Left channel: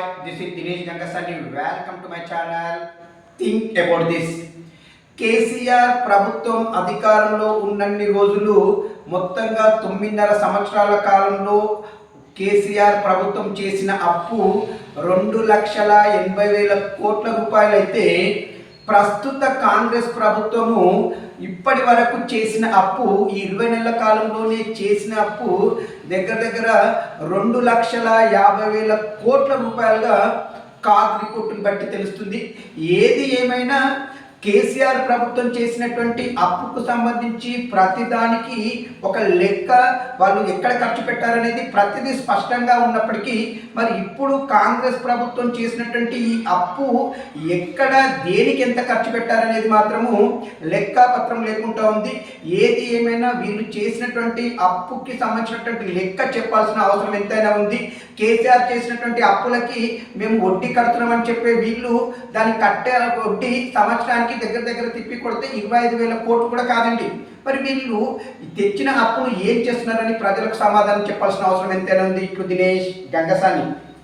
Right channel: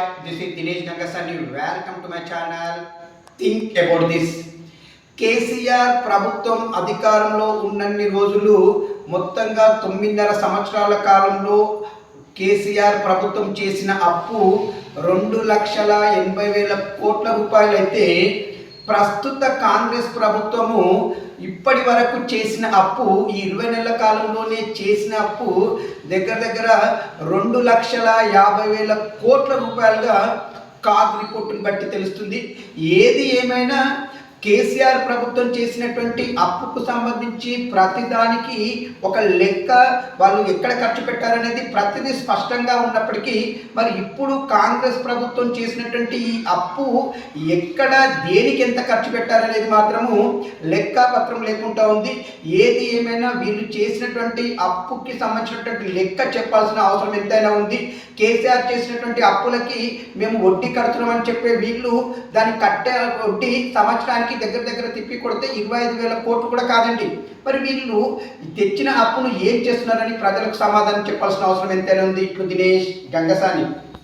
This is Dinesh Gangasani. Welcome to my channel. Think about this. KCR ప్రభుత్వం అధికారంలో ఉన్నన్ని రోజులు మొత్తంగా 9.5 సంవత్సరాల కాలంలో కేసీఆర్ ప్రభుత్వం చేసిన అప్పు 2,80,000 కోట్ల రూపాయలు అయితే ప్రస్తుత కాంగ్రెస్ ప్రభుత్వము ఇప్పటి వరకు చేసిన అప్పు ఈ 20 నెలల కాలంలోనే చేసిన అప్పు దగ్గర 2,50,000 కోట్ల రూపాయలుగా కాగ్ రిపోర్టును బట్టి తెలుస్తుంది. ఏది ఏమైనా కేసీఆర్ ప్రభుత్వం చేసినటువంటి అప్పుకు సంబంధించి ప్రతిదానికి ఒక లెక్క, వాళ్ళు ఎక్కడ ఖర్చు పెట్టారనేది ప్రతిదీ స్పష్టంగా ఉన్నప్పటికీ మరి ఇప్పుడు కాంగ్రెస్ ప్రభుత్వం చేసినటువంటి ఈ అప్పు ఎక్కడ దేనికి ఎంత ఖర్చు పెట్టారనేది మాత్రము లెక్కపత్రం లేకుండా ఉంది. ఏది ఏమైనా వీళ్ళు చేసినటువంటి అప్పుకి సంబంధించినటువంటి లెక్క చెప్పాల్సిన అవసరం ఎంతైనా ఉంది. కేసీఆర్ చేసినటువంటి అప్పులకి మేము వడ్డీ కడుతున్నామని చెప్పే వీళ్ళు దాన్ని కట్టే వడ్డీ సంవత్సరానికి దగ్గర తిప్పి కొడితే 25,000 కోట్లు కూడా కాదండి. మరి వీళ్ళు తెచ్చిన అప్పును ఏం చేస్తున్నారని ప్రజలకు సమాధానం చెప్పాల్సిన అవసరం ఎంతైనా ఉంది. ఇట్లు దినేష్ గంగసాని.